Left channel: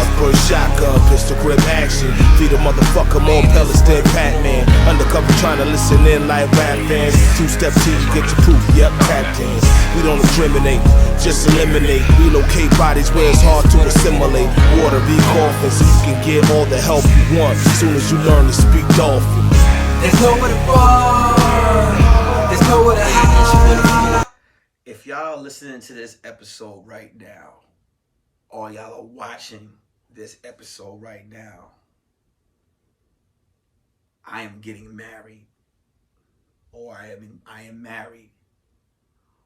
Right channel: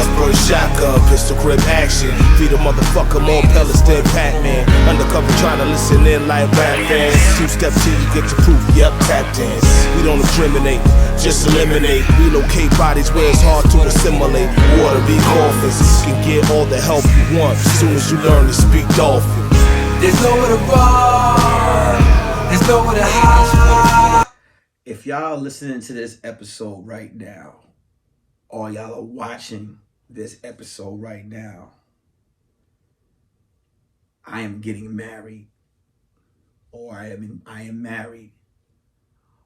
bars, bird shotgun, pistol grip action. Feed a motherfucker more pellets than Pac-Man. Undercover trying to listen in like rap fans. Two-step till you get your proof, yep, tap dance. We don't discriminate, just eliminate. Relocate bodies where it's hard to assimilate. Water be coughing so you can get all the help you want soon as you learn to speak dolphin. There's nowhere to run, there's nowhere to hide. If y'all listening to this episode right now, or y'all are watching this episode right now, I am getting married, or I am married,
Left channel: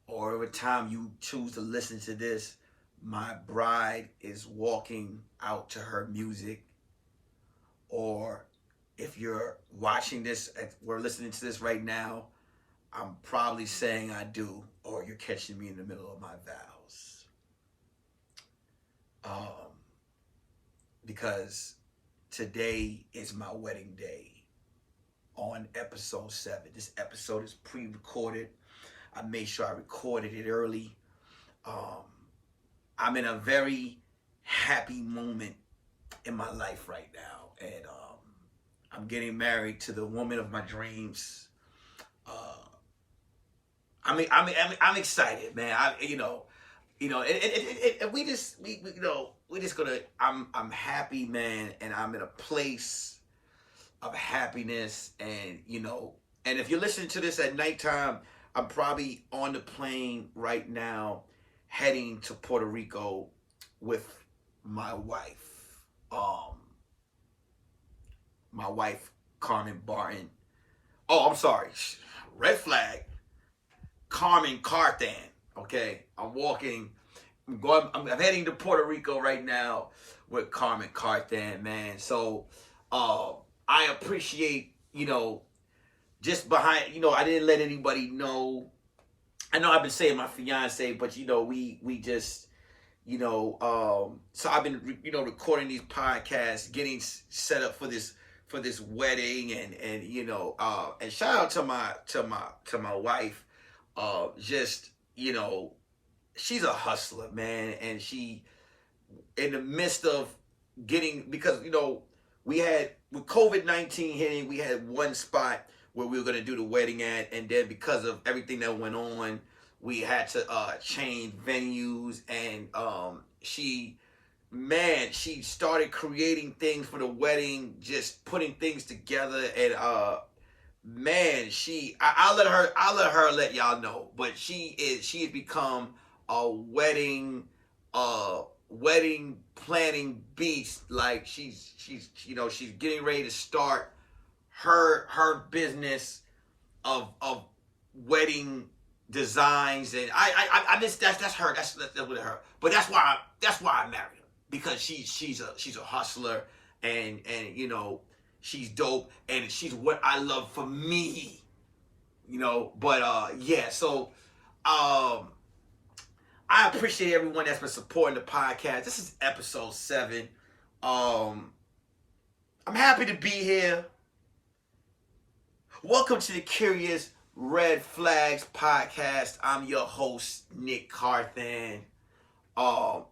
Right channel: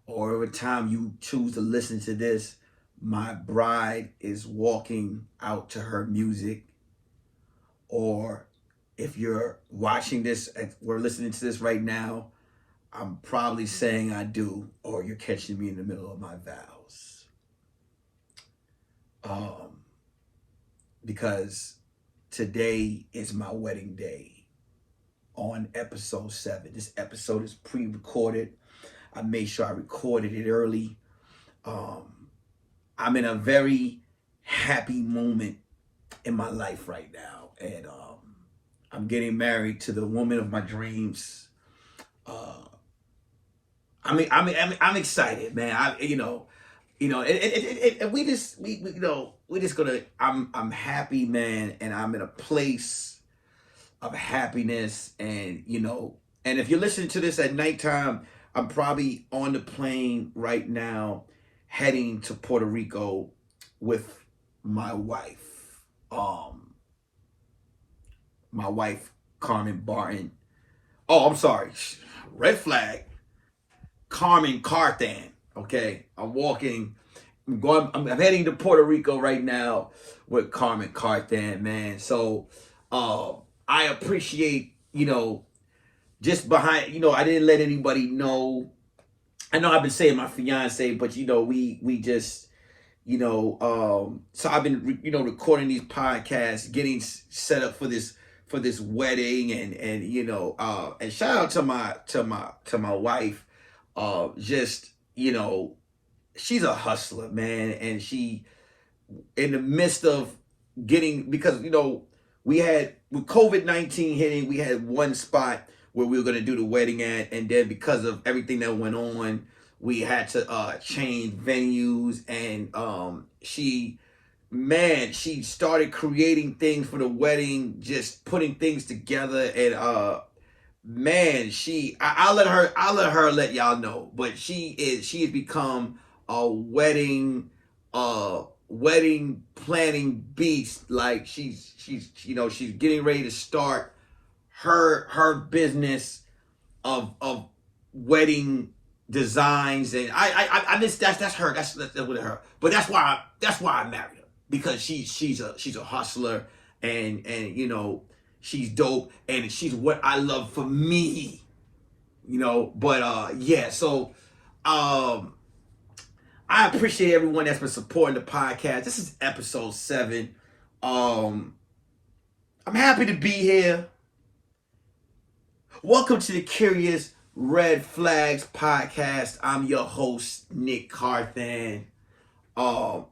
or every time you choose to listen to this, my bride is walking out to her music, or if you're watching this, we're listening to this right now, I'm probably saying I do, or you're catching me in the middle of my vows. Because today is my wedding day on episode 7. This episode is pre-recorded. I made sure I recorded it early. I'm in a very happy moment in my life right now. And I'm getting married to the woman of my dreams. I'm excited, man. I'm happy, man, and I'm in a place of happiness, and and if you're listening to this at nighttime, I'm probably on the plane right now, heading to Puerto Rico with my wife. My wife, Carmen Barton. Oh, I'm sorry. Red flag. Carmen Carthan. Okay, I'm heading to Puerto Rico right now with Carmen Carthan, man. So I appreciate, just behind, I didn't let anybody know. I know I've been saying my fiance, but we just, so I've been recording these podcasts, getting set up for this wedding, and and shout out to my wife. Just, she's a hustler, man. And she, in the midst of getting, because, we had, with COVID-19 hitting, we had one spot where we were going to do the wedding at. And then because of everything that went on, we had to change venues. And she started creating things for the wedding, just putting things together. And man, I'll let her let y'all know, but she has become a wedding planning beast. Like she's getting ready to start her business of wedding designs, and I miss that's her, that's with her. But that's why I married her, because she's a hustler, and she's dope, and she's what I love for me, But yeah, so I appreciate everyone that's been supporting the podcast. This is episode 7. I'm happy to be here. Welcome to the Curious Red Flags podcast. I'm your host, Nick Carthan.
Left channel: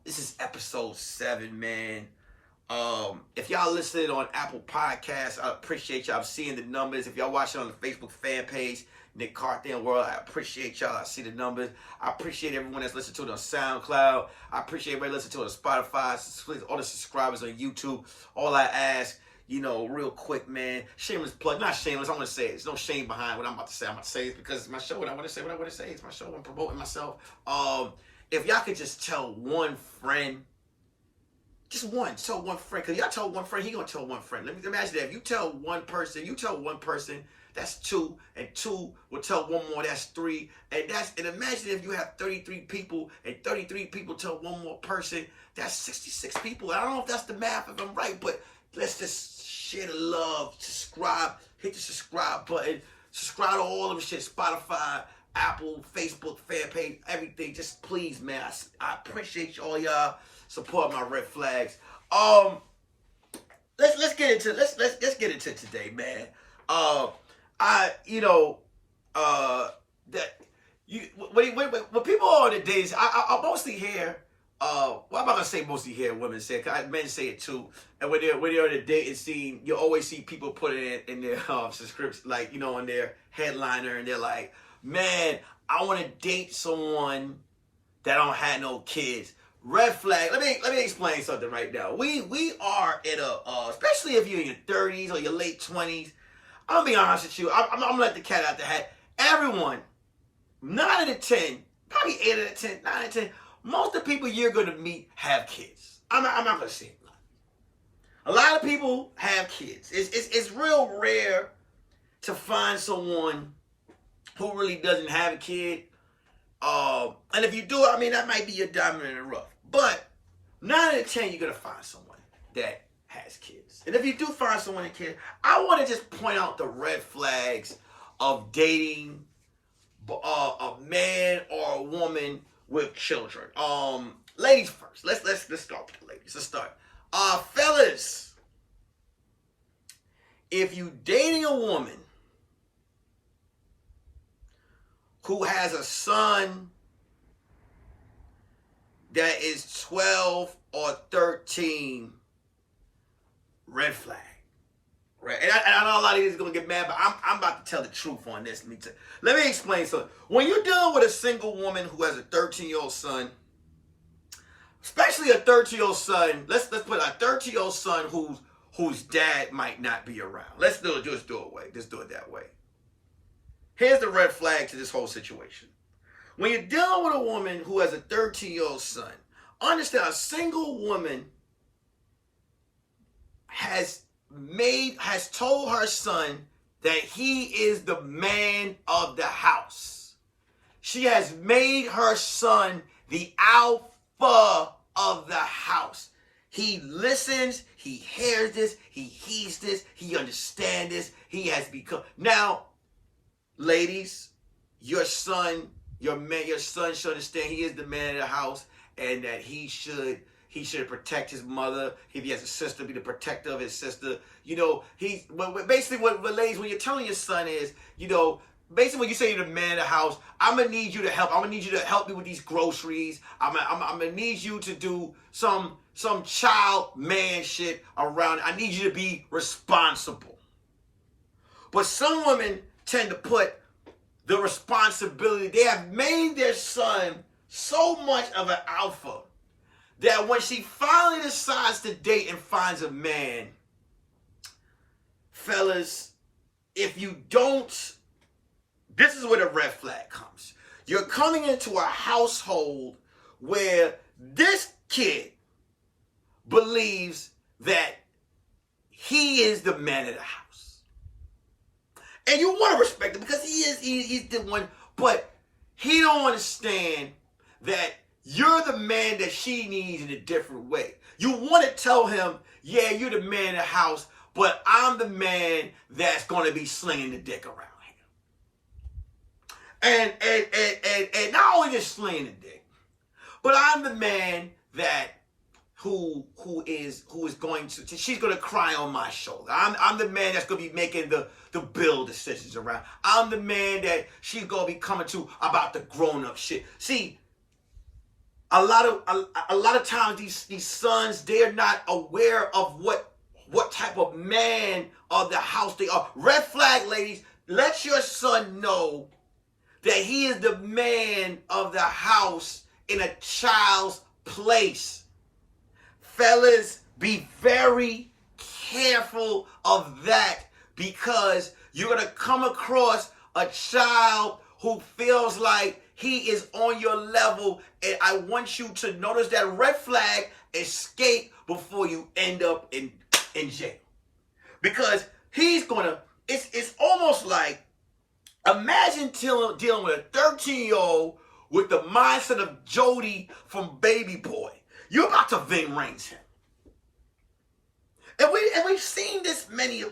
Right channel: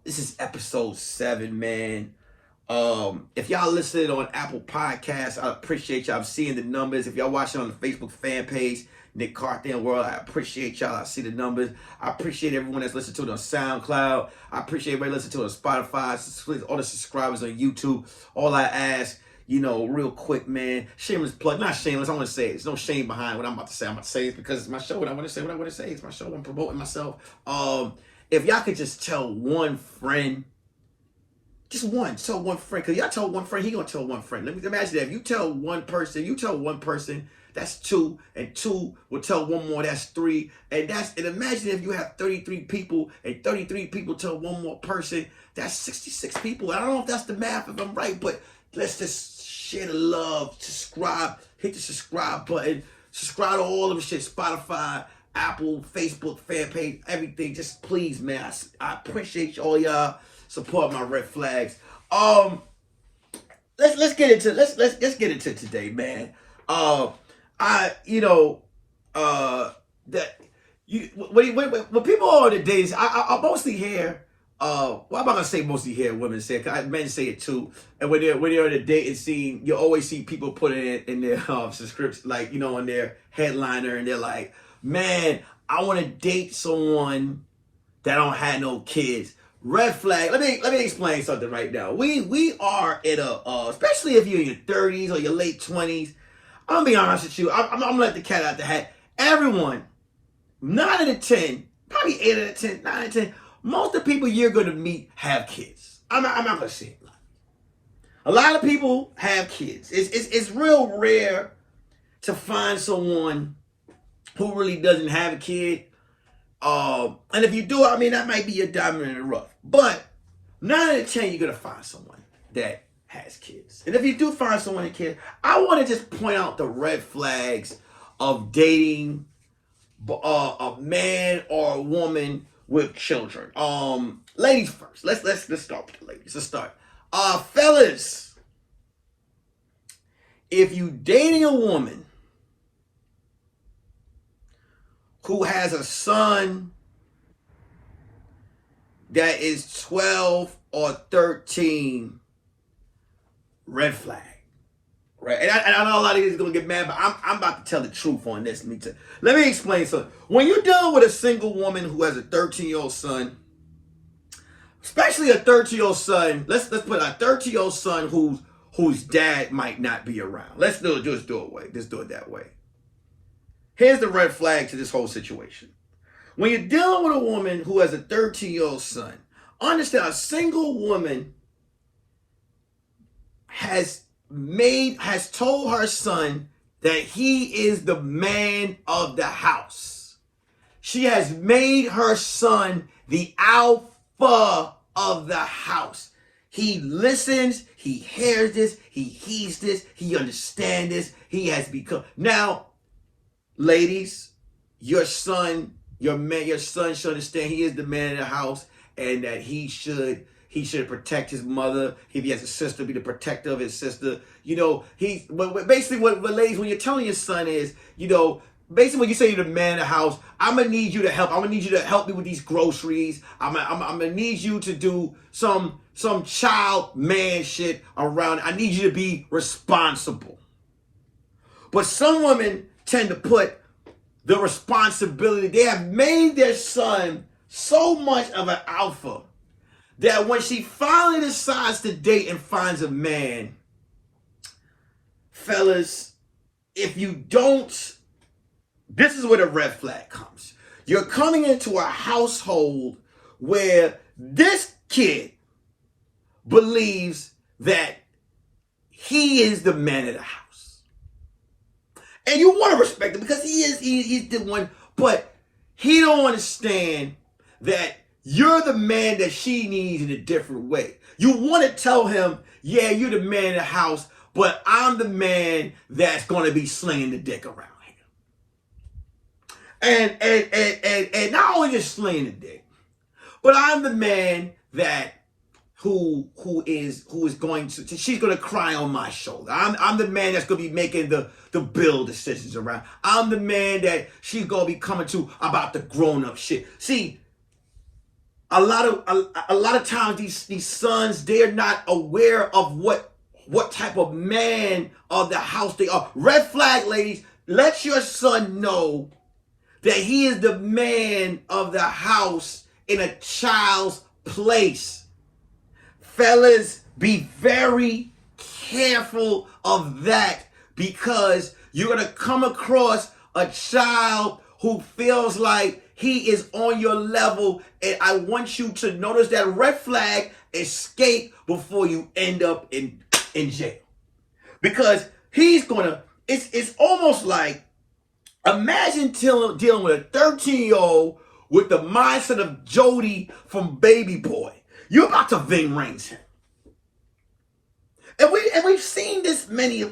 This is episode 7, man. If y'all listening on Apple Podcasts, I appreciate y'all. I'm seeing the numbers. If y'all watching on the Facebook fan page, Nick Carthan World, I appreciate y'all. I see the numbers. I appreciate everyone that's listening to it on SoundCloud. I appreciate everybody listening to it on Spotify, all the subscribers on YouTube. All I ask, real quick, man, shameless plug, not shameless, I want to say it. There's no shame behind what I'm about to say. I'm about to say it because it's my show, and I want to say what I want to say. It's my show. I'm promoting myself. If y'all could just tell one friend, tell one friend, because y'all tell one friend, he gonna tell one friend. Let me imagine that. If you tell one person, that's 2, and 2 will tell one more, that's 3, and imagine if you have 33 people, and 33 people tell one more person, that's 66 people. I don't know if that's the math, if I'm right, but let's just share the love, subscribe, hit the subscribe button, subscribe to all of the shit, Spotify, Apple, Facebook, fan page, everything. Just please, man, I appreciate all y'all support my red flags. Let's get into today, man. When people are on the days, I mostly hear well, I'm not gonna say mostly hear women say it, 'cause men say it too. And when they're in a dating scene, you always see people put it in their subscription, like, you know, on their headliner, and they're like, man, I want to date someone that don't have no kids. Red flag. Let me explain something right now. We are in a especially if you're in your 30s or your late 20s. I'm gonna be honest with you. I'm gonna let the cat out the hat. Everyone, 9 out of 10, probably 8 out of 10, 9 out of 10. Most of the people you're gonna meet have kids. I'm not gonna say it. A lot of people have kids. It's real rare to find someone who really doesn't have a kid. And if you do, I mean, that might be your diamond in the rough. But 9 out of 10, you're going to find someone that has kids. And if you do find someone with kids, I want to just point out the red flags of dating a man or a woman with children. Ladies first. Let's start with the ladies. Let's start. Fellas, if you dating a woman who has a son that is 12 or 13, red flag, right? And I know a lot of you are gonna get mad, but I'm about to tell the truth on this. Let me explain something. When you're dealing with a single woman who has a 13-year-old son, especially a 13-year-old son, let's put a 13-year-old son whose dad might not be around. Just do it that way. Here's the red flag to this whole situation. When you're dealing with a woman who has a 13-year-old son, understand a single woman has told her son that he is the man of the house. She has made her son the alpha of the house. He listens, he hears this, he heeds this, he understands this, he has become. Now, ladies, your son should understand he is the man of the house, and that he should protect his mother. If he has a sister, be the protector of his sister. You know, basically what ladies, when you're telling your son is, you know, basically when you say you're the man of the house, I'm gonna need you to help. I'm gonna need you to help me with these groceries. I'm gonna need you to do some child man shit around. I need you to be responsible. But some women tend to put the responsibility. They have made their son so much of an alpha that when she finally decides to date and finds a man, fellas, if you don't, this is where the red flag comes. You're coming into a household where this kid believes that he is the man of the house. And you want to respect him because he's the one, but he don't understand that you're the man that she needs in a different way. You want to tell him, yeah, you're the man of the house, but I'm the man that's going to be slinging the dick around here. And not only just slinging the dick, but I'm the man that who is going to, she's going to cry on my shoulder. I'm the man that's going to be making the bill decisions around. I'm the man that she's going to be coming to about the grown-up shit. See, a lot of times these sons, they're not aware of what type of man of the house they are. Red flag, ladies, let your son know that he is the man of the house in a child's place. Fellas, be very careful of that, because you're going to come across a child who feels like he is on your level, and I want you to notice that red flag, escape before you end up in jail. Because he's going to, it's almost like, imagine dealing with a 13-year-old with the mindset of Jody from Baby Boy. You're about to Ving Rhames him. And we've seen this many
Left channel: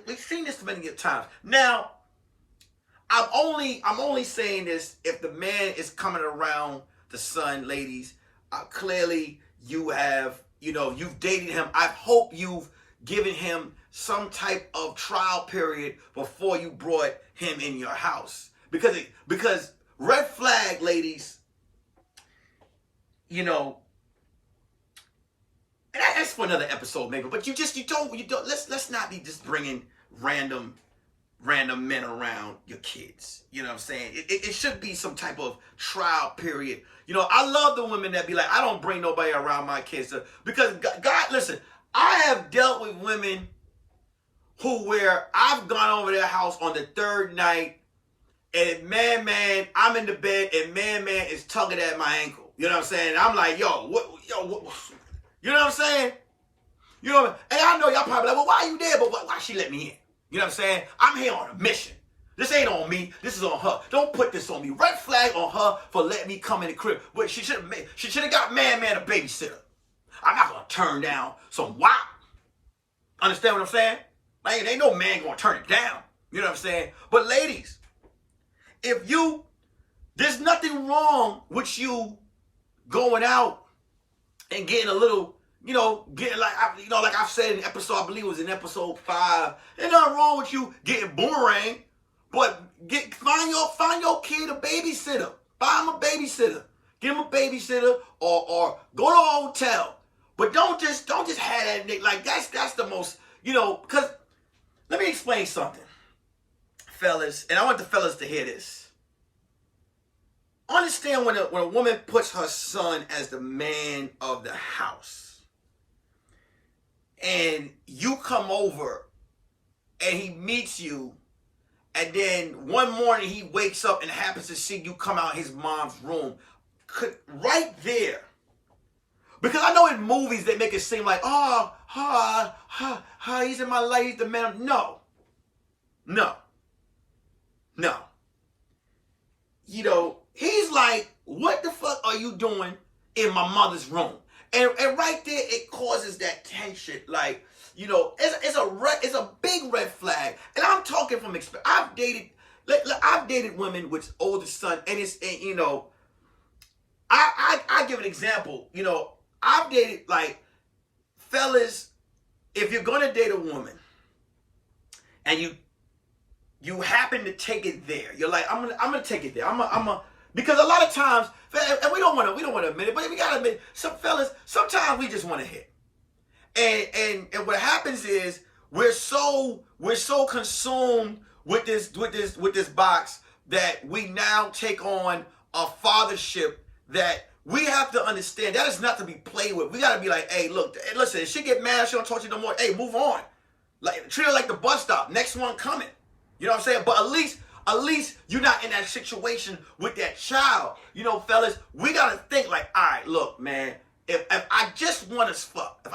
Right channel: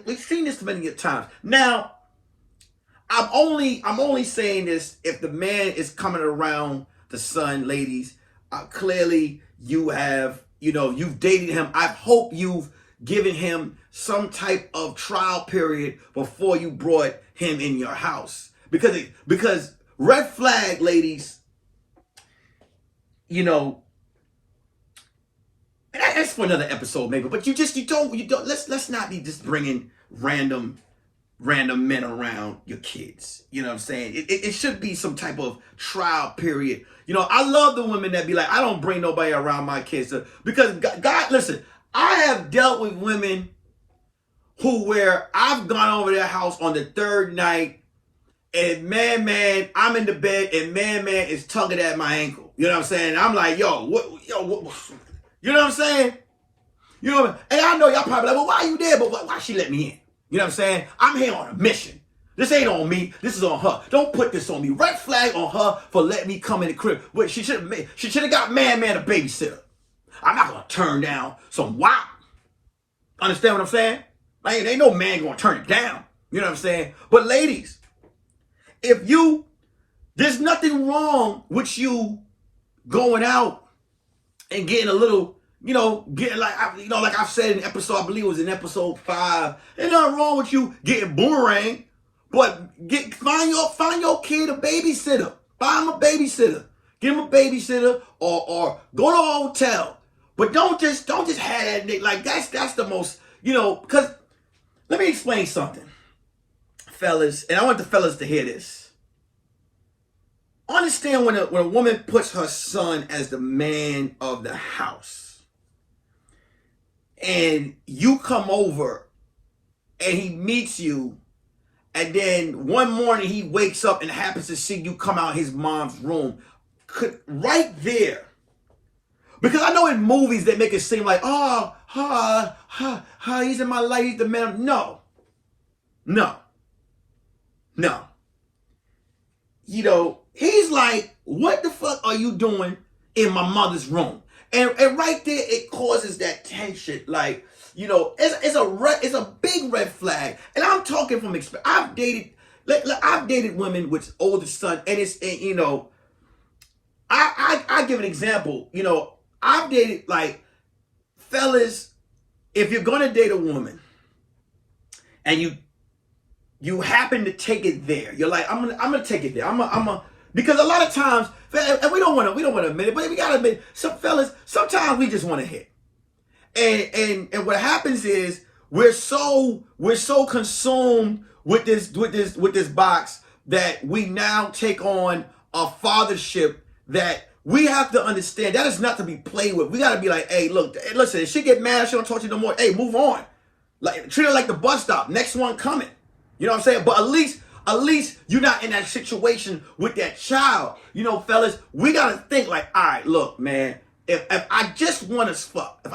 times. Now, I'm only saying this if the man is coming around the son, ladies. Clearly you've dated him. I hope you've given him some type of trial period before you brought him in your house. Because red flag, ladies, and that's for another episode maybe. But you don't. Let's not be just bringing random men around your kids. You know what I'm saying? It should be some type of trial period. You know, I love the women that be like, I don't bring nobody around my kids because God, listen, I have dealt with women where I've gone over their house on the third night and man, I'm in the bed and man is tugging at my ankle. You know what I'm saying? I'm like, what, you know what I'm saying? You know, and I know y'all probably like, well, why are you there? But why she let me in? You know what I'm saying? I'm here on a mission. This ain't on me. This is on her. Don't put this on me. Red flag on her for letting me come in the crib. But she should have got man a babysitter. I'm not gonna turn down some WAP. Understand what I'm saying? Like, ain't no man gonna turn it down. You know what I'm saying? But ladies, there's nothing wrong with you going out and getting a little, getting like I've said in episode, I believe it was in episode 5. There's nothing wrong with you getting boomerang, but find your kid a babysitter. Find him a babysitter. Give him a babysitter or go to a hotel. But don't just have that like that's the most, because let me explain something, fellas, and I want the fellas to hear this. Understand when a woman puts her son as the man of the house and you come over and he meets you and then one morning he wakes up and happens to see you come out his mom's room, right there. Because I know in movies they make it seem like, he's in my life, he's the man. No. He's like, what the fuck are you doing in my mother's room? And right there, it causes that tension. Like, it's a big red flag. And I'm talking from experience. I've dated women with older sons, and I give an example. I've dated, like, fellas, if you're gonna date a woman and you happen to take it there, you're like, I'm gonna take it there. Because a lot of times, and we don't want to admit it, but we gotta admit, some fellas, sometimes we just want to hit. And what happens is we're so consumed with this box that we now take on a fathership that we have to understand that is not to be played with. We gotta be like, hey, look, listen, if she get mad, she don't talk to you no more. Hey, move on. Like, treat her like the bus stop. Next one coming. You know what I'm saying? But at least you're not in that situation with that child. Fellas, we gotta think like, all right, look, man, if I just want to fuck,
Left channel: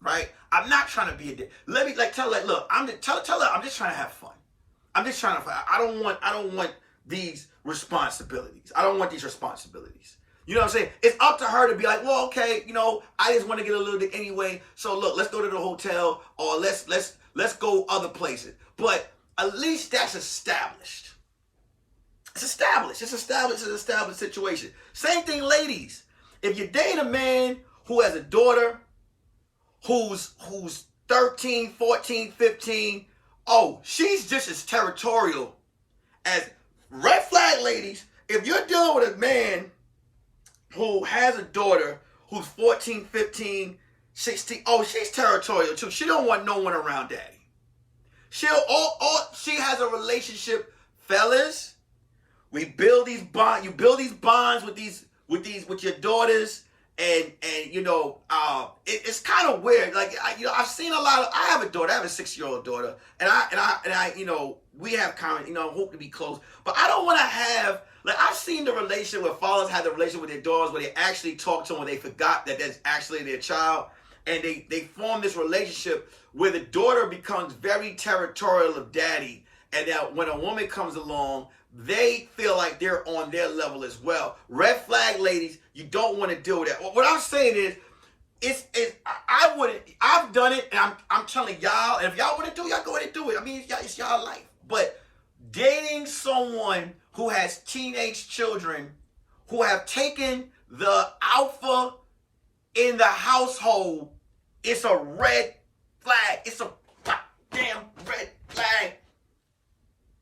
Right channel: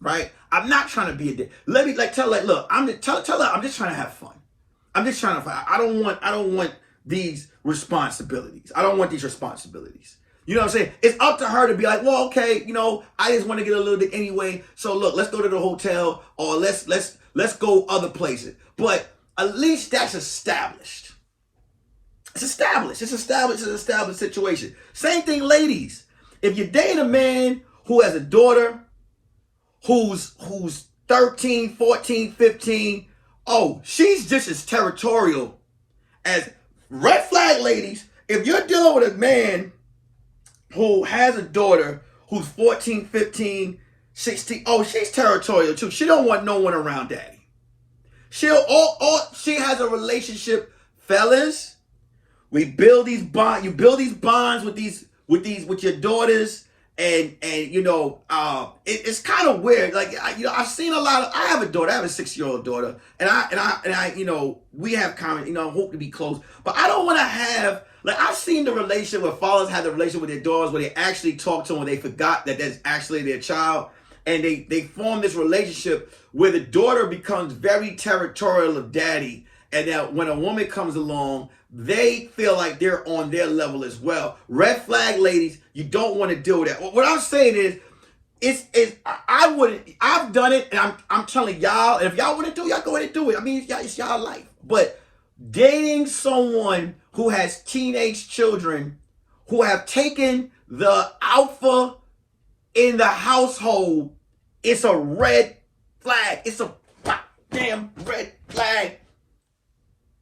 right? I'm not trying to be a dick. Let me tell her, look, tell her I'm just trying to have fun. I'm just trying to fight. I don't want these responsibilities. I don't want these responsibilities. You know what I'm saying? It's up to her to be like, well, okay, I just want to get a little dick anyway. So look, let's go to the hotel or let's go other places. But at least that's established. It's established. It's an established situation. Same thing, ladies. If you're dating a man who has a daughter who's 13, 14, 15, she's just as territorial as red flag ladies. If you're dealing with a man who has a daughter who's 14, 15, 16, she's territorial too. She don't want no one around daddy. She has a relationship, fellas. We build these bonds. You build these bonds with your daughters, and it's kind of weird. Like, I've seen a lot of. I have a daughter. I have a 6-year-old daughter, and I we have common. Hope to be close, but I don't want to have. Like, I've seen the relationship where fathers have the relationship with their daughters where they actually talk to them when they forgot that that's actually their child. And they form this relationship where the daughter becomes very territorial of daddy. And that when a woman comes along, they feel like they're on their level as well. Red flag ladies, you don't want to deal with that. What I'm saying is, I've done it, and I'm telling y'all, if y'all want to do it, y'all go ahead and do it. I mean, it's y'all life. But dating someone who has teenage children who have taken the alpha in the household, it's a red flag. It's a goddamn red flag.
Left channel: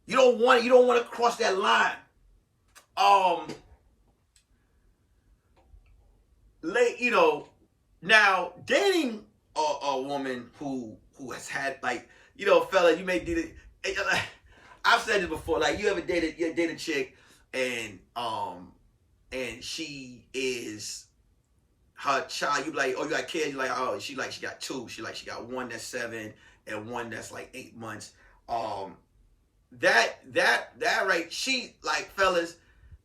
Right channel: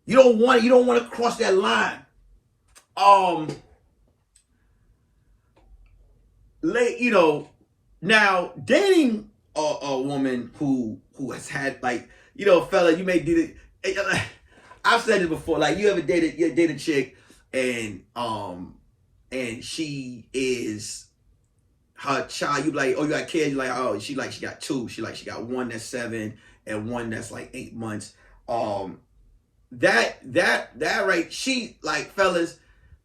You don't want to cross that line. Now, dating a woman who has had, like, fella, you may do it. I've said this before. Like, you date a chick, and she is her child. You be like, oh, you got kids. You like, oh, she got two. She got one that's 7 and one that's like 8 months. That right. She, like, fellas,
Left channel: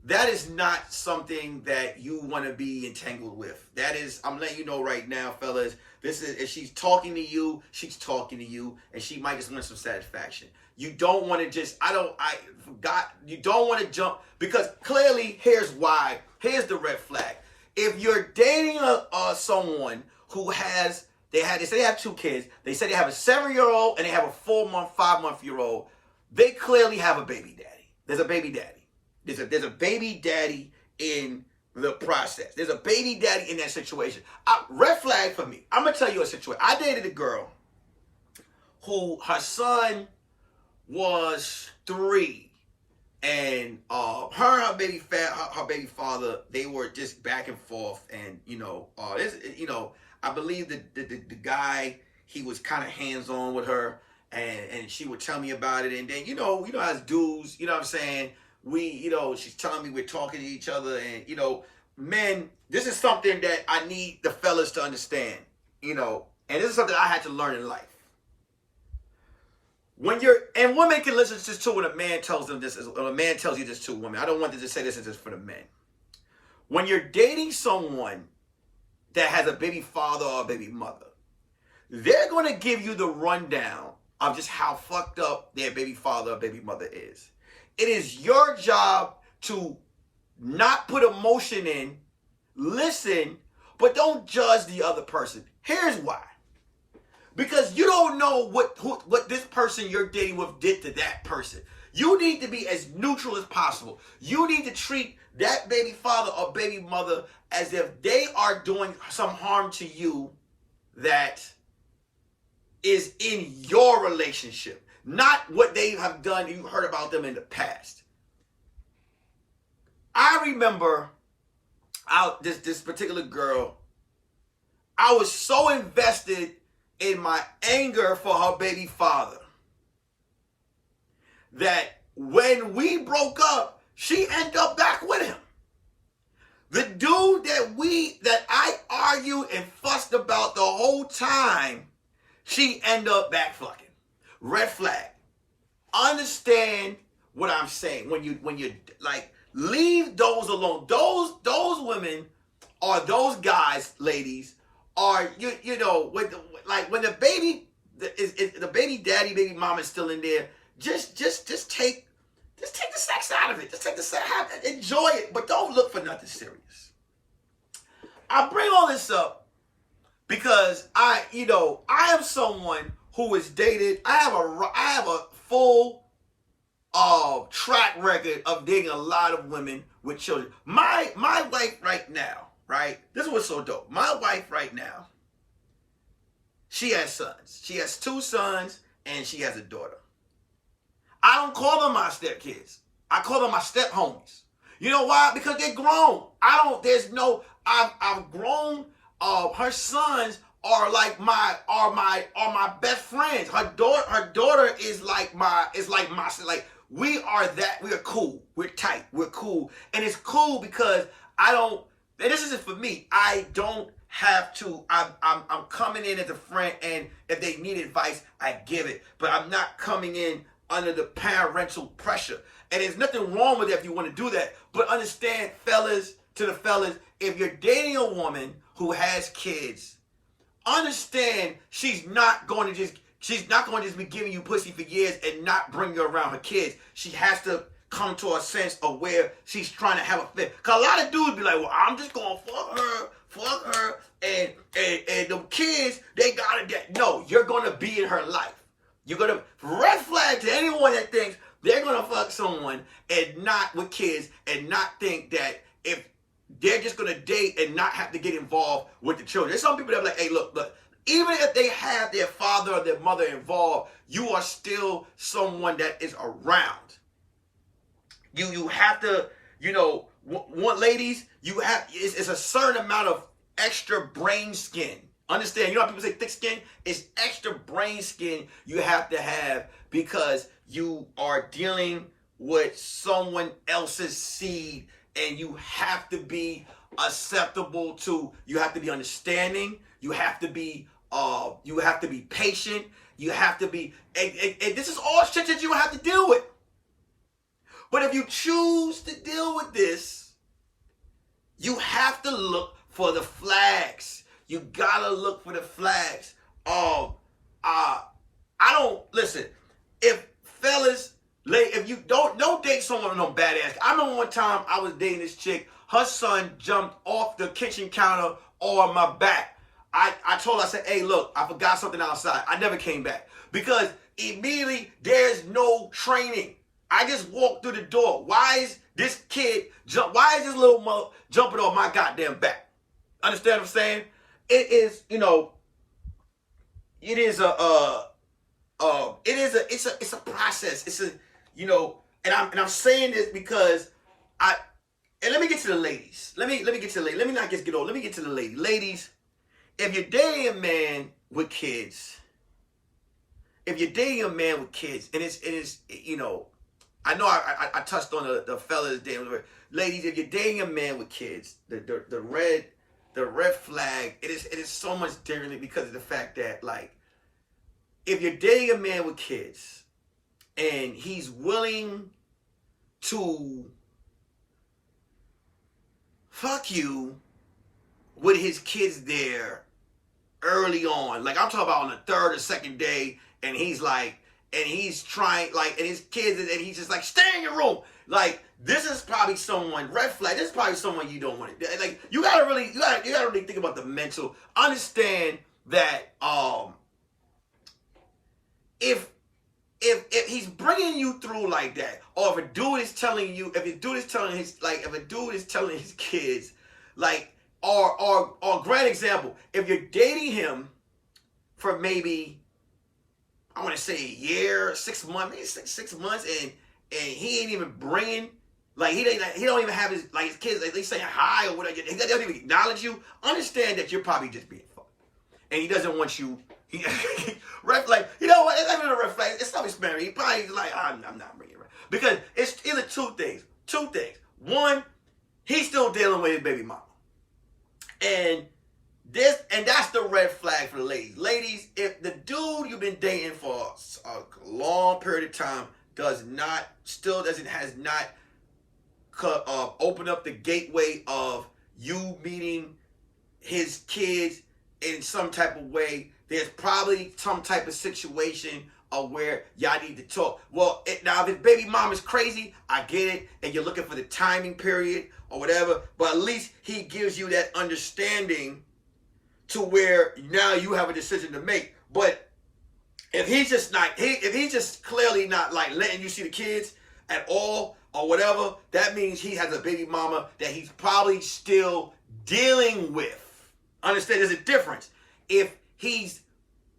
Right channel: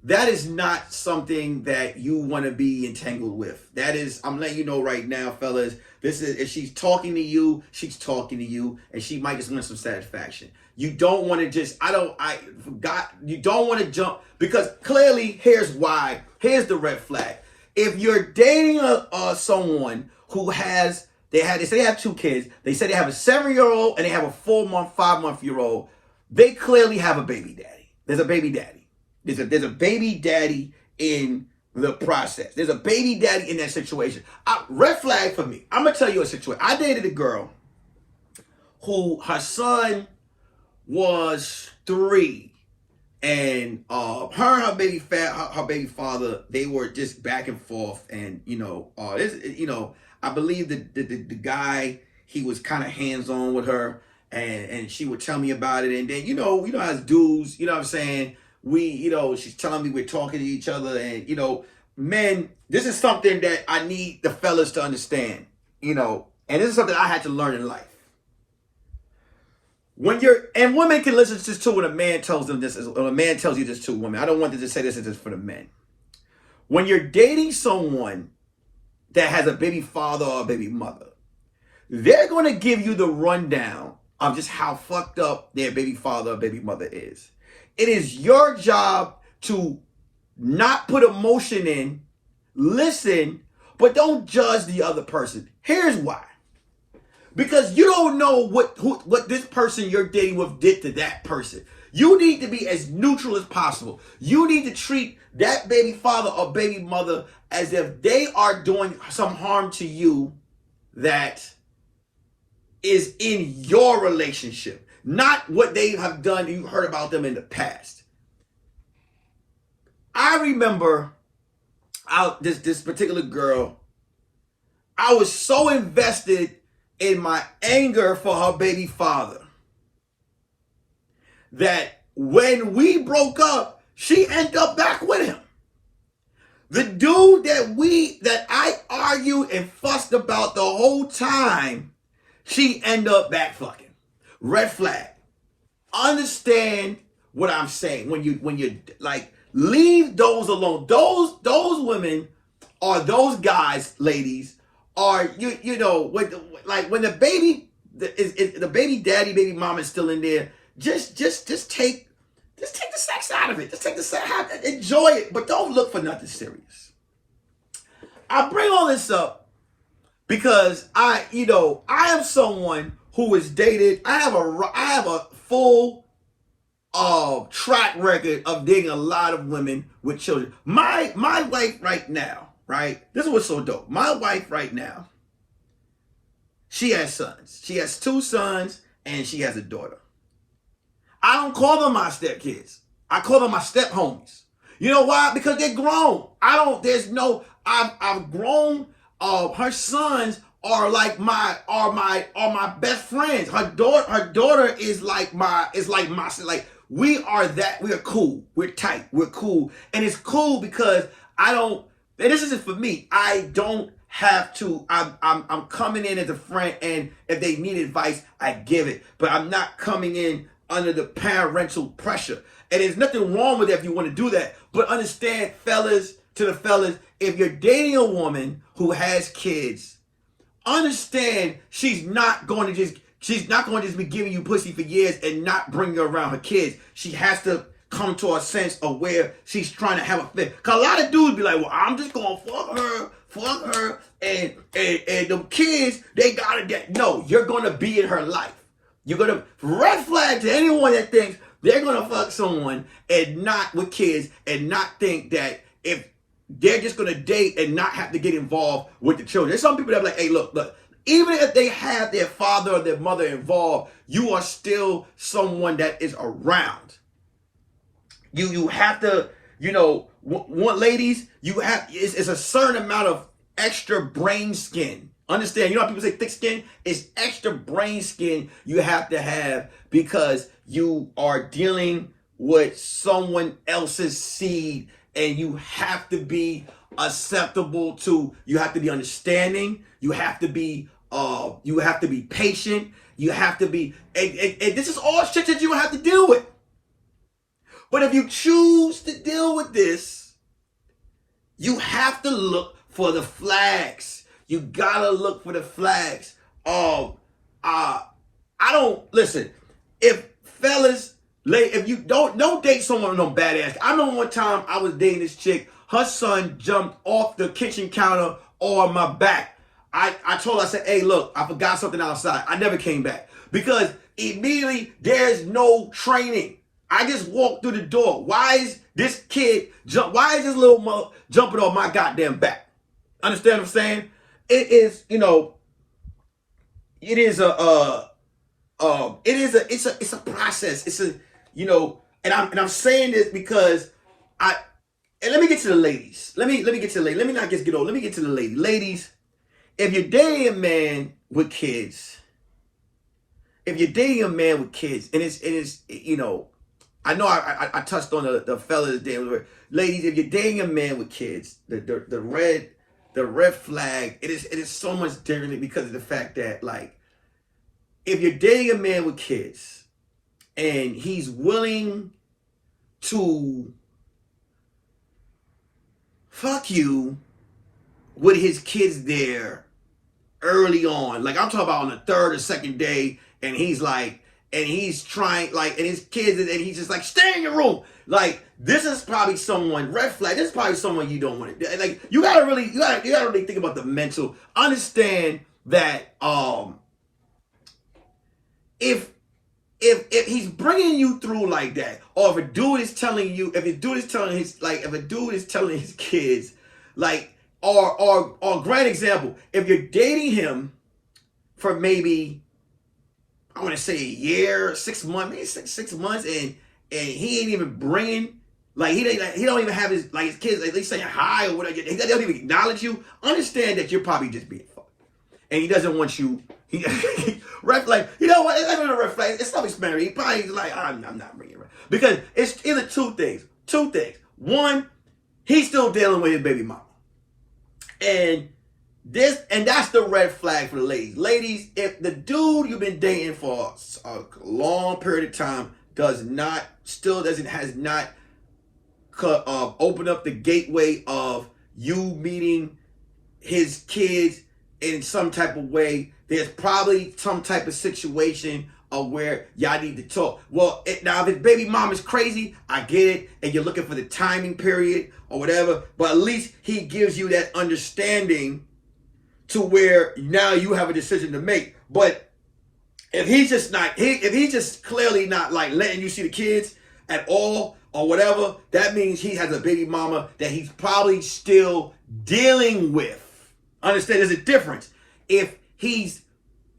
that is not something that you want to be entangled with. That is, I'm letting you know right now, fellas. This is, if she's talking to you, she's talking to you, and she might just want some satisfaction. You don't want to just, you don't want to jump, because clearly, here's why. Here's the red flag. If you're dating someone who they say they have 2 kids, they say they have a 7-year-old and they have a 4-month, 5-month-year-old, they clearly have a baby daddy. There's a baby daddy. There's a baby daddy in the process. There's a baby daddy in that situation. Red flag for me. I'm going to tell you a situation. I dated a girl who, her son was 3. And her baby father, they were just back and forth. And, I believe the guy, he was kind of hands-on with her. And she would tell me about it. And then, as dudes, you know what I'm saying? She's telling me we're talking to each other, and, men, this is something that I need the fellas to understand, and this is something I had to learn in life. And women can listen to this too when a man tells them this, when a man tells you this to women. I don't want to just say this is just for the men. When you're dating someone that has a baby father or a baby mother, they're going to give you the rundown of just how fucked up their baby father or baby mother is. It is your job to not put emotion in, listen, but don't judge the other person. Here's why. Because you don't know what this person you're dating with did to that person. You need to be as neutral as possible. You need to treat that baby father or baby mother as if they are doing some harm to you that is in your relationship. Not what they have done, you heard about them in the past. I remember this particular girl, I was so invested in my anger for her baby father that when we broke up, she ended up back with him. The dude that I argued and fussed about the whole time, she ended up back fucking. Red flag. Understand what I'm saying. When you like, leave those alone. Those women or those guys, ladies, are when the baby the baby daddy, baby mama is still in there. Just take the sex out of it. Just take the sex, enjoy it, but don't look for nothing serious. I bring all this up because I am someone who is dated. I have a full track record of dating a lot of women with children. My wife right now, right? This is what's so dope. My wife right now, she has sons. She has 2 sons and she has a daughter. I don't call them my stepkids. I call them my step homies. You know why? Because they're grown. I've grown. Her sons are my best friends. Her daughter is like my we are cool. We're tight. We're cool. And it's cool because and this isn't for me. I don't have to. I'm coming in as a friend, and if they need advice, I give it. But I'm not coming in under the parental pressure. And there's nothing wrong with that if you want to do that. But understand, fellas, if you're dating a woman who has kids, understand she's not going to just be giving you pussy for years and not bring you around her kids. She has to come to a sense of where she's trying to have a fit. Because a lot of dudes be like, well, I'm just going to fuck her, and the kids, they got to get. No, you're going to be in her life. You're going to red flag to anyone that thinks they're going to fuck someone and not with kids and not think that if they're just going to date and not have to get involved with the children. There's some people that are like, hey, look, even if they have their father or their mother involved, you are still someone that is around. You have to, ladies, it's a certain amount of extra brain skin. Understand? You know how people say thick skin? It's extra brain skin you have to have because you are dealing with someone else's seed, and you have to be acceptable to. You have to be understanding. You have to be patient. You have to be, and this is all shit that you have to deal with. But if you choose to deal with this, you have to look for the flags. You gotta look for the flags. I don't listen. If fellas, if you don't date someone with no badass. I remember one time I was dating this chick. Her son jumped off the kitchen counter on my back. I told her, I said, hey, look, I forgot something outside. I never came back because immediately there's no training. I just walked through the door. Why is this kid why is this little mother jumping on my goddamn back? Understand what I'm saying? It is, it is it's a process. It's a, and I'm saying this because and let me get to the ladies. Let me get to the ladies. Let me not just get old. Let me get to the ladies. Ladies, if you're dating a man with kids, and it's I know I touched on the fellas there. Ladies, if you're dating a man with kids, the red flag, it is so much different because of the fact that, like, if you're dating a man with kids and he's willing to fuck you with his kids there early on, like I'm talking about on the third or second day, and he's like, and he's trying, like, and his kids, and he's just like, stay in your room. Like, this is probably someone, red flag, this is probably someone you don't want to, like, you gotta really think about the mental, understand that, if he's bringing you through like that, or if a dude is telling his kids, like, or grand example, if you're dating him for maybe, I want to say a year, 6 months, maybe six months, and he ain't even bringing, like, he don't even have his kids, like, they saying hi or whatever, he doesn't even acknowledge you. Understand that you're probably just being fucked, and he doesn't want you. Red flag. You know what? It's not even a red flag. It's something married. He probably like, I'm not bringing it, because it's either two things. One, he's still dealing with his baby mama, and that's the red flag for the ladies. Ladies, if the dude you've been dating for a long period of time has not opened up the gateway of you meeting his kids in some type of way, there's probably some type of situation of where y'all need to talk. Well, now if his baby mom is crazy, I get it, and you're looking for the timing period or whatever, but at least he gives you that understanding to where now you have a decision to make. But if he's just clearly not, like, letting you see the kids at all or whatever, that means he has a baby mama that he's probably still dealing with. Understand, there's a difference. If he's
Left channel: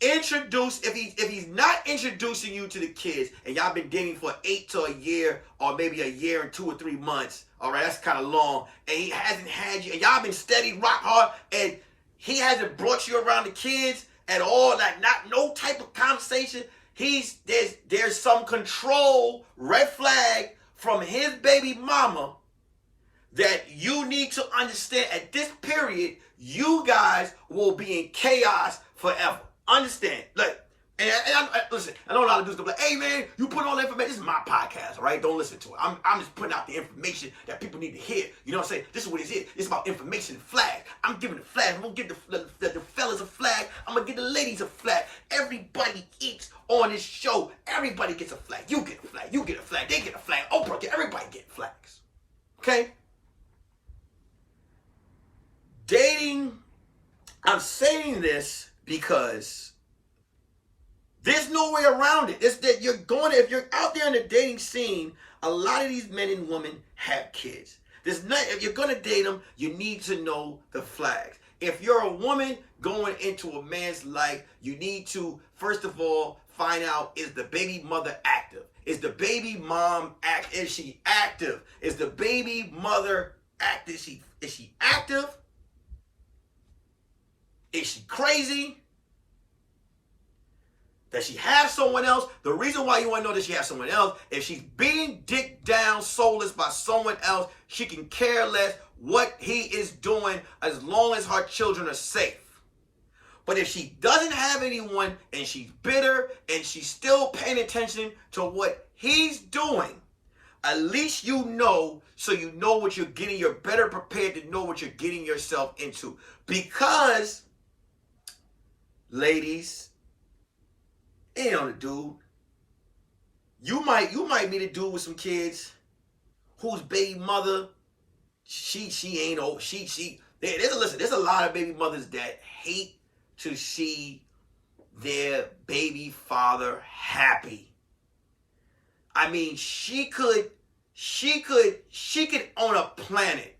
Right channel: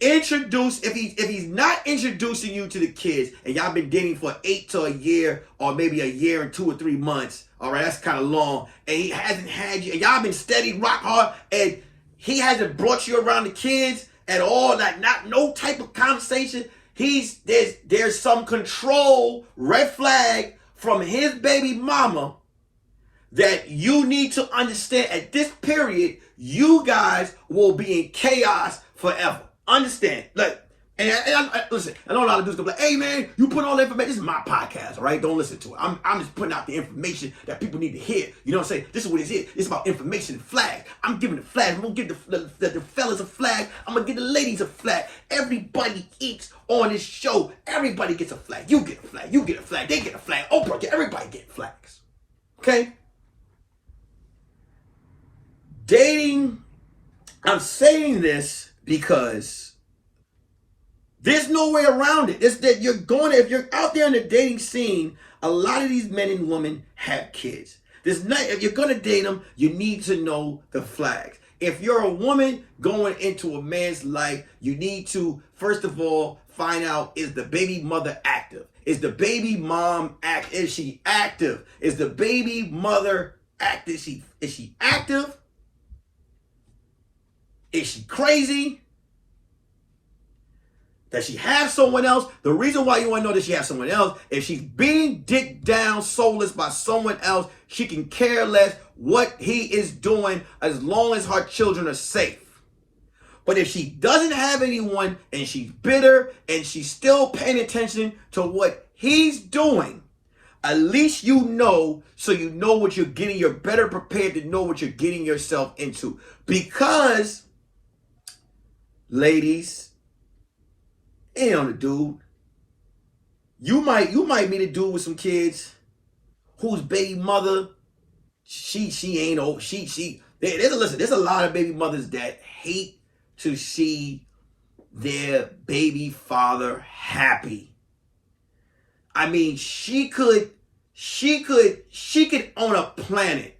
not introducing you to the kids, and y'all been dating for 8 to a year, or maybe a year and 2 or 3 months, all right, that's kind of long, and he hasn't had you, and y'all been steady, rock hard, and he hasn't brought you around the kids at all, like, no type of conversation, there's some control, red flag from his baby mama that you need to understand. At this period, you guys will be in chaos forever. Understand? Like, and listen, I know a lot of dudes go like, hey man, you put all the information. This is my podcast, all right? Don't listen to it. I'm just putting out the information that people need to hear. You know what I'm saying? This is what it is. It's about information and flags. I'm giving the flags. I'm gonna give the fellas a flag. I'm gonna give the ladies a flag. Everybody eats on this show. Everybody gets a flag. You get a flag. You get a flag. They get a flag. Oprah, everybody get flags. Okay? Dating, I'm saying this because there's no way around it. It's that if you're out there in the dating scene, a lot of these men and women have kids. If you're gonna date them, you need to know the flags. If you're a woman going into a man's life, you need to, first of all, find out, is the baby mother active? Is the baby mom active? Is she active? Is the baby mother active? Is she active? Is she crazy? Does she have someone else? The reason why you want to know that she has someone else, if she's being dicked down soulless by someone else, she can care less what he is doing as long as her children are safe. But if she doesn't have anyone and she's bitter and she's still paying attention to what he's doing, at least you know, so you know what you're getting. You're better prepared to know what you're getting yourself into. Because, ladies, it ain't on the dude. You might meet a dude with some kids whose baby mother, she ain't old. There's a lot of baby mothers that hate to see their baby father happy. I mean, she could own a planet.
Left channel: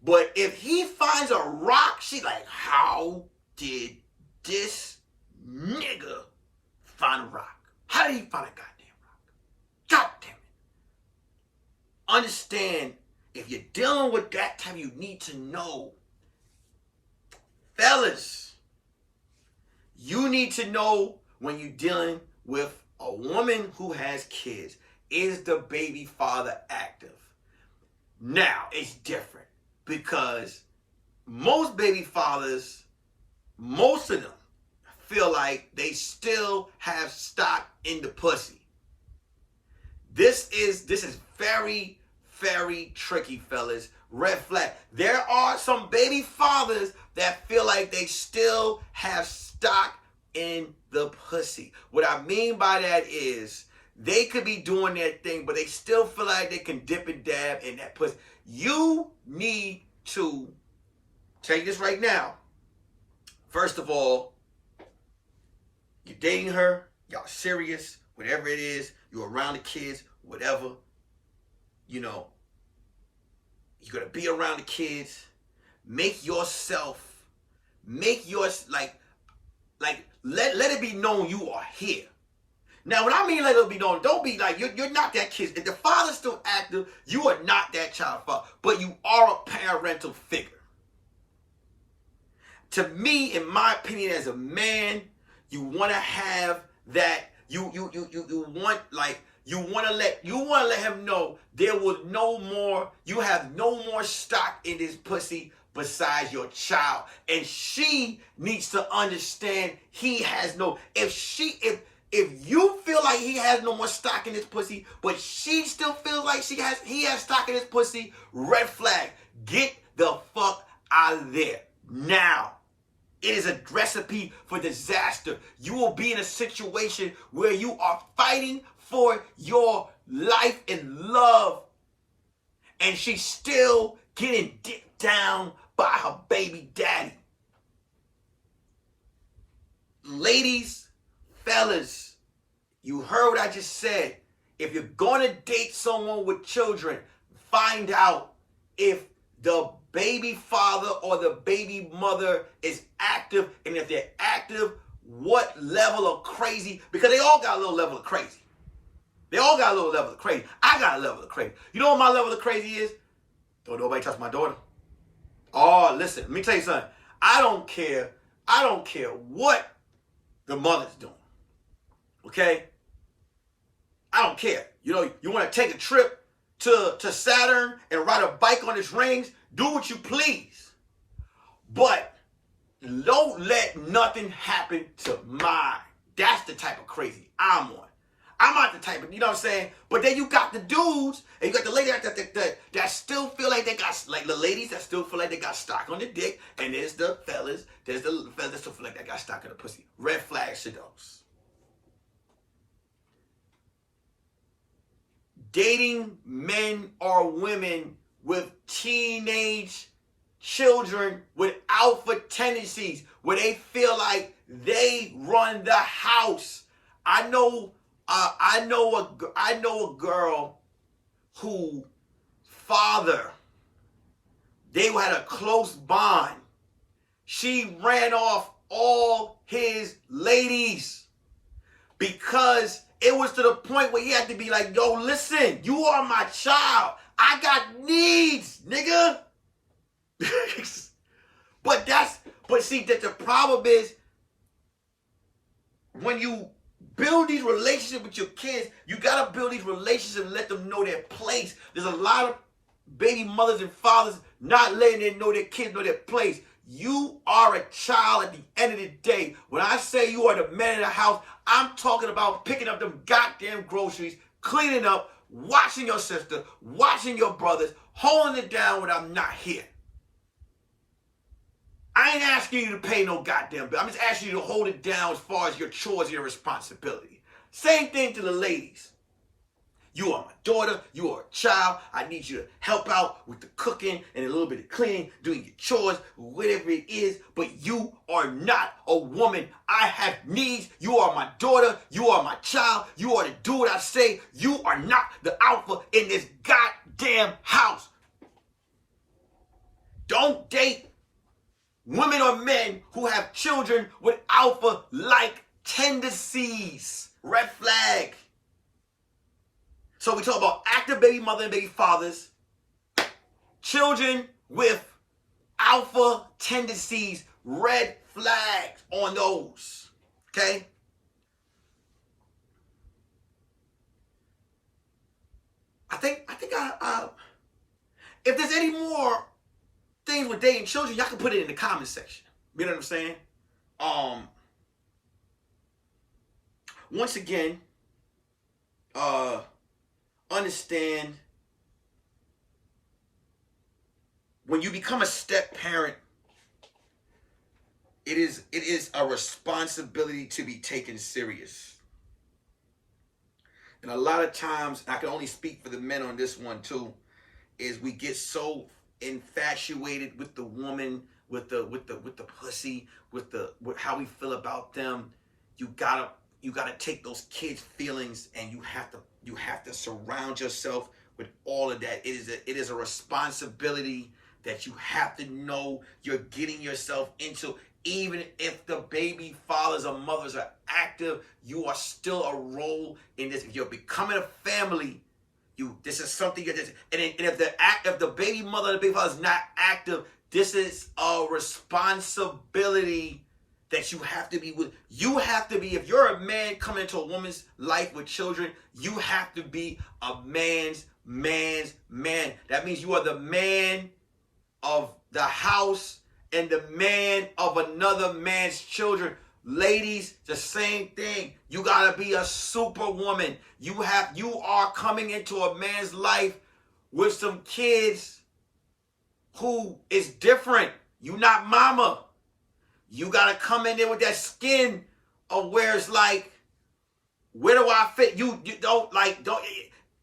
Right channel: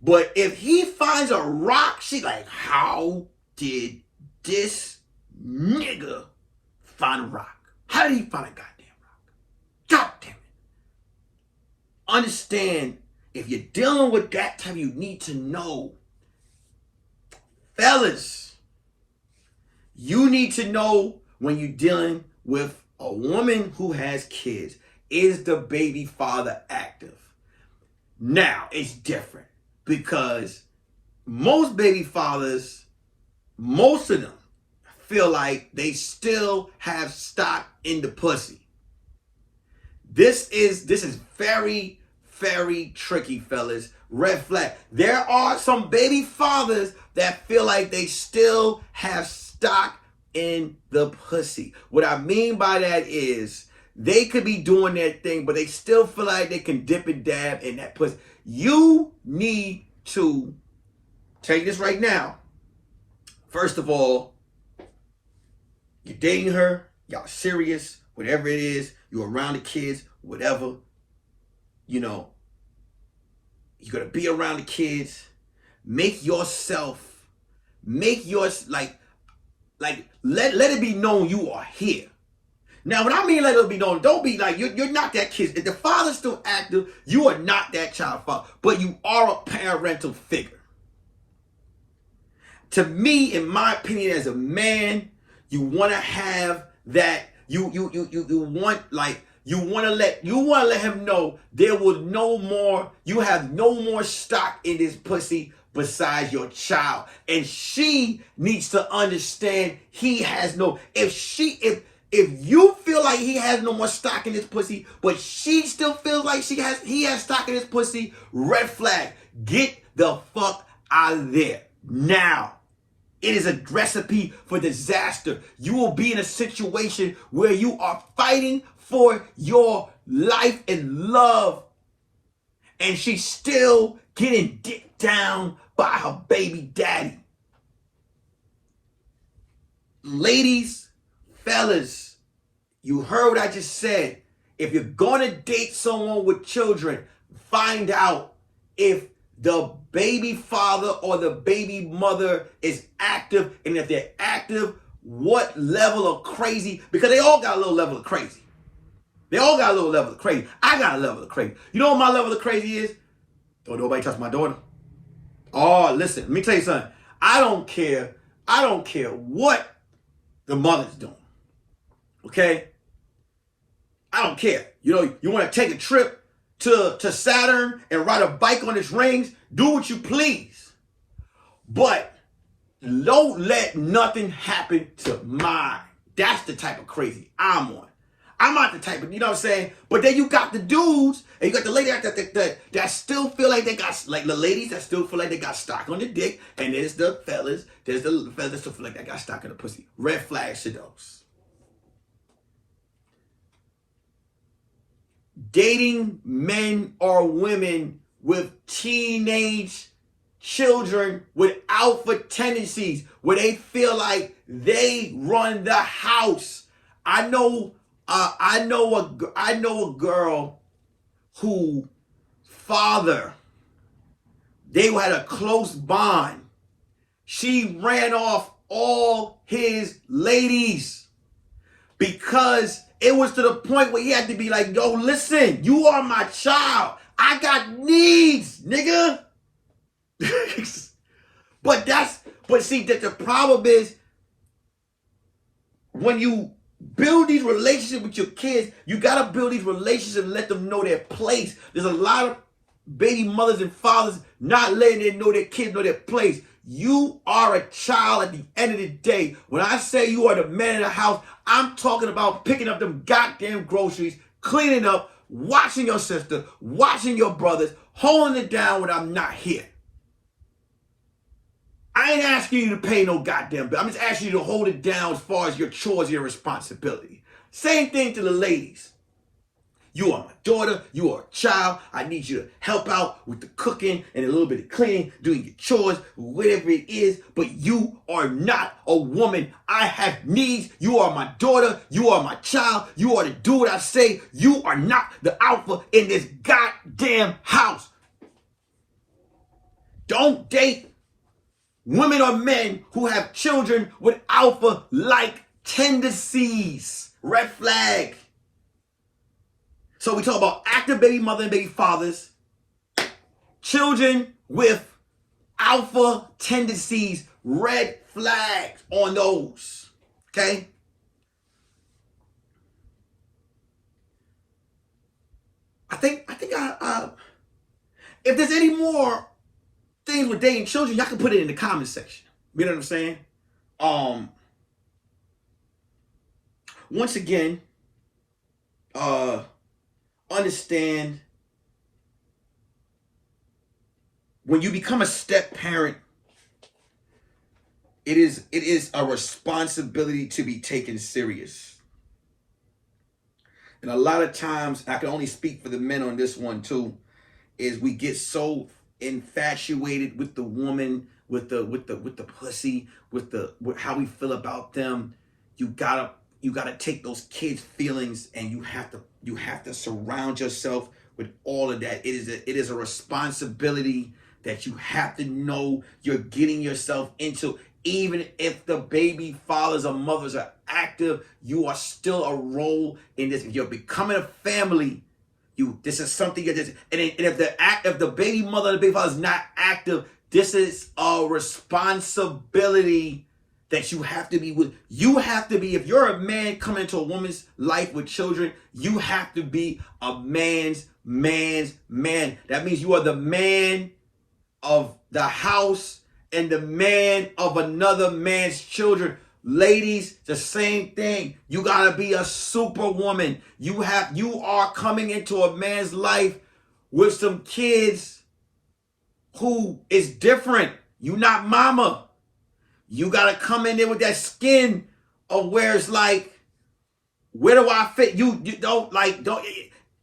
But if he finds a rock, she's like, how did this nigga find a rock? How did he find a goddamn rock? God damn it. Understand, if you're dealing with that type, you need to know. Fellas, you need to know when you're dealing with a woman who has kids. Is the baby father active? Now, it's different because most baby fathers, most of them, feel like they still have stock in the pussy. This is very, very tricky, fellas. Red flag. There are some baby fathers that feel like they still have stock in the pussy. What I mean by that is they could be doing their thing, but they still feel like they can dip and dab in that pussy. You need to take this right now. First of all, you're dating her, y'all serious, whatever it is, you're around the kids, whatever, you know, you're going to be around the kids. Let it be known you are here. Now, when I mean let it be known, don't be like, you're not that kid. If the father's still active, you are not that child father, but you are a parental figure. To me, in my opinion, as a man, you want to have that. You want to let him know there was no more. You have no more stock in this pussy besides your child, and she needs to understand he has no. If you feel like he has no more stock in his pussy, but she still feels like he has stock in his pussy, red flag. Get the fuck out of there now. It is a recipe for disaster. You will be in a situation where you are fighting for your life and love, and she's still getting dicked down by her baby daddy. Ladies, fellas, you heard what I just said. If you're gonna date someone with children, find out if the baby father or the baby mother is active, and if they're active, what level of crazy, because they all got a little level of crazy. They all got a little level of crazy. I got a level of crazy. You know what my level of crazy is? Don't nobody touch my daughter. Oh, listen, let me tell you something. I don't care what the mother's doing. Okay? I don't care. You know, you want to take a trip to Saturn and ride a bike on its rings, do what you please. But don't let nothing happen to mine. That's the type of crazy I'm on. I'm not the type of, you know what I'm saying? But then you got the dudes, and you got the ladies that still feel like they got, like the ladies that still feel like they got stock on the dick, and there's the fellas that still feel like they got stock in the pussy. Red flags to those. Dating men or women with teenage children with alpha tendencies, where they feel like they run the house. I know a girl who father, they had a close bond. She ran off all his ladies because it was to the point where he had to be like, yo, listen, you are my child. I got needs, nigga. But But see, that the problem is when you build these relationships with your kids, you got to build these relationships and let them know their place. There's a lot of baby mothers and fathers not letting them know their kids know their place. You are a child at the end of the day. When I say you are the man of the house, I'm talking about picking up them goddamn groceries, cleaning up, watching your sister, watching your brothers, holding it down when I'm not here. I ain't asking you to pay no goddamn bill. I'm just asking you to hold it down as far as your chores and your responsibility. Same thing to the ladies. You are my daughter. You are a child. I need you to help out with the cooking and a little bit of cleaning, doing your chores, whatever it is. But you are not a woman. I have needs. You are my daughter. You are my child. You are to do what I say. You are not the alpha in this goddamn house. Don't date women or men who have children with alpha-like tendencies. Red flag. So we talk about active baby mother and baby fathers, children with alpha tendencies, red flags on those, okay? I think if there's any more things with dating children, y'all can put it in the comment section. You know what I'm saying? Once again, understand when you become a step parent, it is a responsibility to be taken serious. And a lot of times, I can only speak for the men on this one too, is we get so infatuated with the woman, with the pussy, with how we feel about them. You gotta take those kids' feelings and you have to surround yourself with all of that. It is a responsibility that you have to know you're getting yourself into. Even if the baby fathers or mothers are active, you are still a role in this. If you're becoming a family, this is something and if the baby mother and the baby father is not active, this is a responsibility that you have to be with. You have to be, if you're a man coming into a woman's life with children, you have to be a man's man. That means you are the man of the house and the man of another man's children. Ladies, the same thing. You gotta be a superwoman. You are coming into a man's life with some kids who is different. You not mama. You gotta come in there with that skin of where it's like, where do I fit? You don't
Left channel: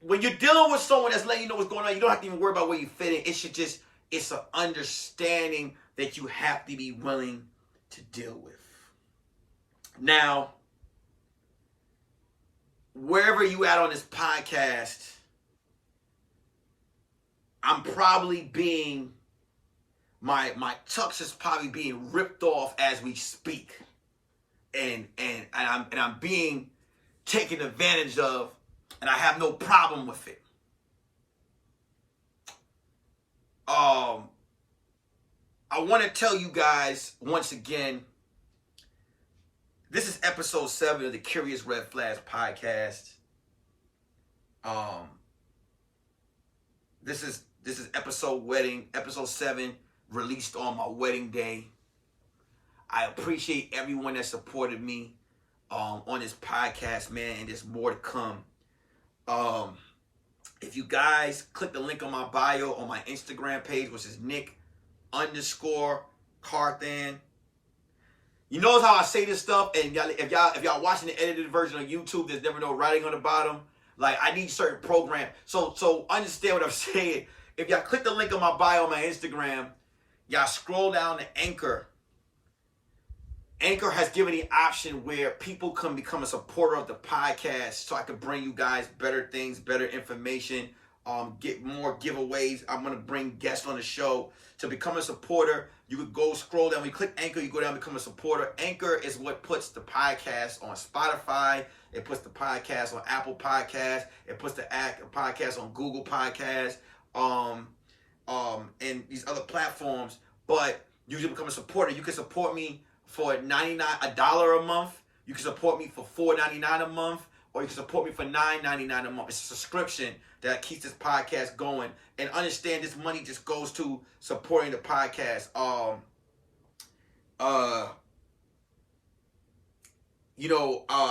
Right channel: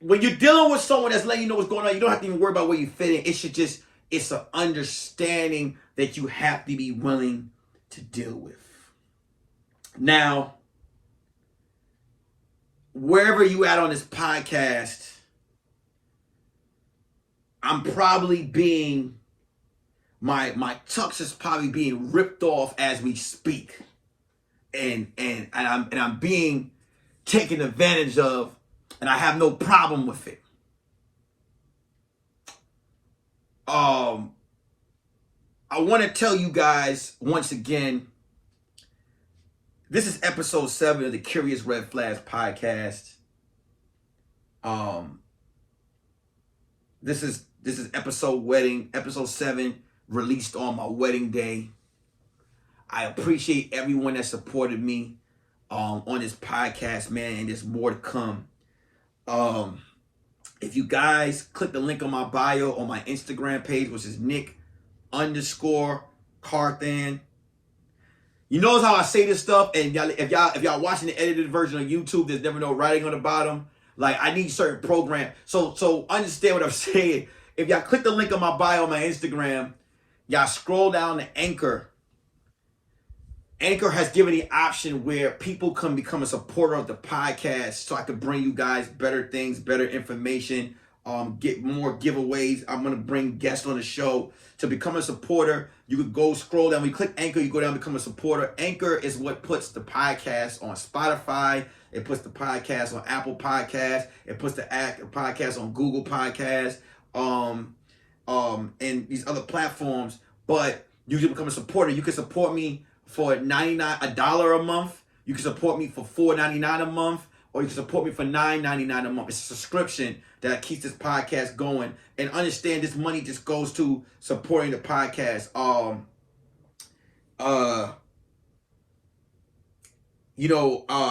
when you're dealing with someone that's letting you know what's going on, you don't have to even worry about where you fit in. It's an understanding that you have to be willing to deal with. Now, wherever you at on this podcast, I'm probably being, my tux is probably being ripped off as we speak. And I'm being taken advantage of, and I have no problem with it. I want to tell you guys once again, this is episode 7 of the Curious Red Flags podcast. This is episode 7, released on my wedding day. I appreciate everyone that supported me on this podcast, man, and there's more to come. If you guys click the link on my bio on my Instagram page, which is Nick_Carthan. You notice how I say this stuff, and if y'all watching the edited version of YouTube, there's never no writing on the bottom. Like, I need certain program. So understand what I'm saying. If y'all click the link on my bio on my Instagram, y'all scroll down to Anchor. Anchor has given the option where people can become a supporter of the podcast, so I can bring you guys better things, better information, get more giveaways. I'm going to bring guests on the show. To become a supporter, you could go scroll down. When you click Anchor, you go down and become a supporter. Anchor is what puts the podcast on Spotify. It puts the podcast on Apple Podcasts. It puts the podcast on Google Podcasts, and these other platforms. But you can become a supporter. You can support me for $1 a month. You can support me for $4.99 a month, or you can support me for $9.99 a month. It's a subscription that keeps this podcast going. And understand, this money just goes to supporting the podcast. I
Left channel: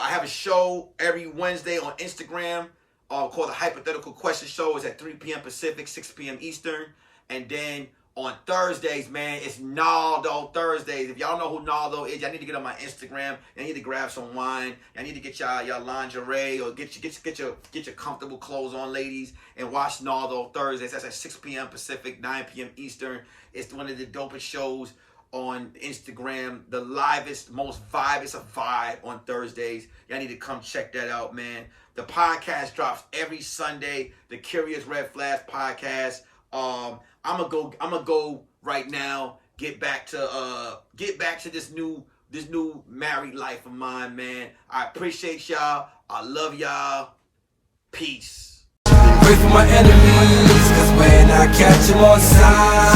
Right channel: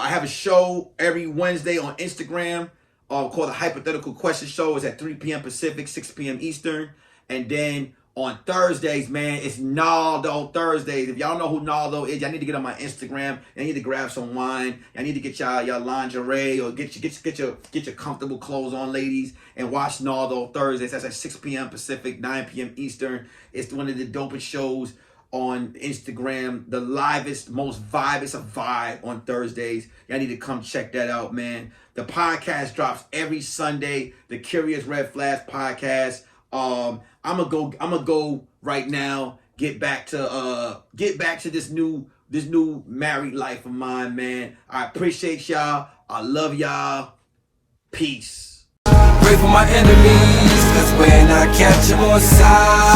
have a show every Wednesday on Instagram called the Hypothetical Question Show. It's at 3 p.m. Pacific, 6 p.m. Eastern. And then on Thursdays, man, it's Naldo Thursdays. If y'all know who Naldo is, y'all need to get on my Instagram. Y'all need to grab some wine. Y'all need to get y'all lingerie, or get your comfortable clothes on, ladies, and watch Naldo Thursdays. That's at 6 p.m. Pacific, 9 p.m. Eastern. It's one of the dopest shows on Instagram, the livest, most vibest of vibe on Thursdays. Y'all need to come check that out, man. The podcast drops every Sunday, the Curious Red Flags podcast. I'm gonna go right now, get back to this new married life of mine, man. I appreciate y'all. I love y'all. Peace. Pray for my enemies, cause when I catch them on sight,